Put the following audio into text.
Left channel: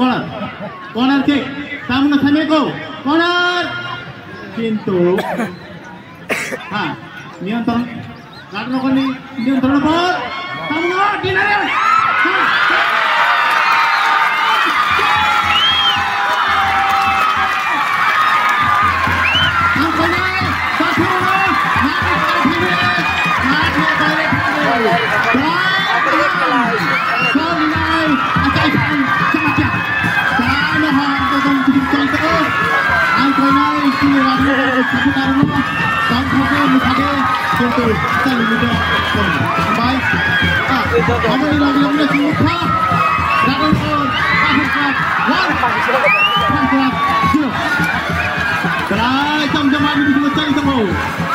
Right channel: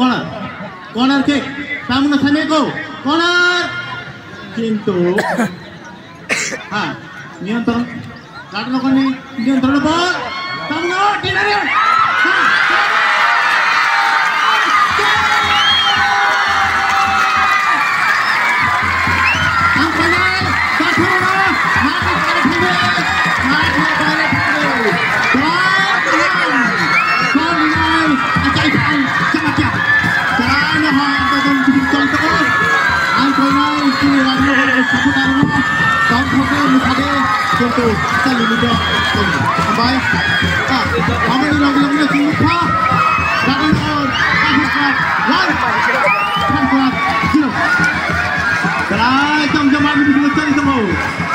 corner kick Tamuno Sameko corner কিন্তু নিয়ন্ত্রণ কাটনকনি নিয়ন্ত্রণ বল Tamuno dinare কিন্তু চালু metre sampai kami lagi semua Dragon on one Dragon 0 Baik, jam lagi di sini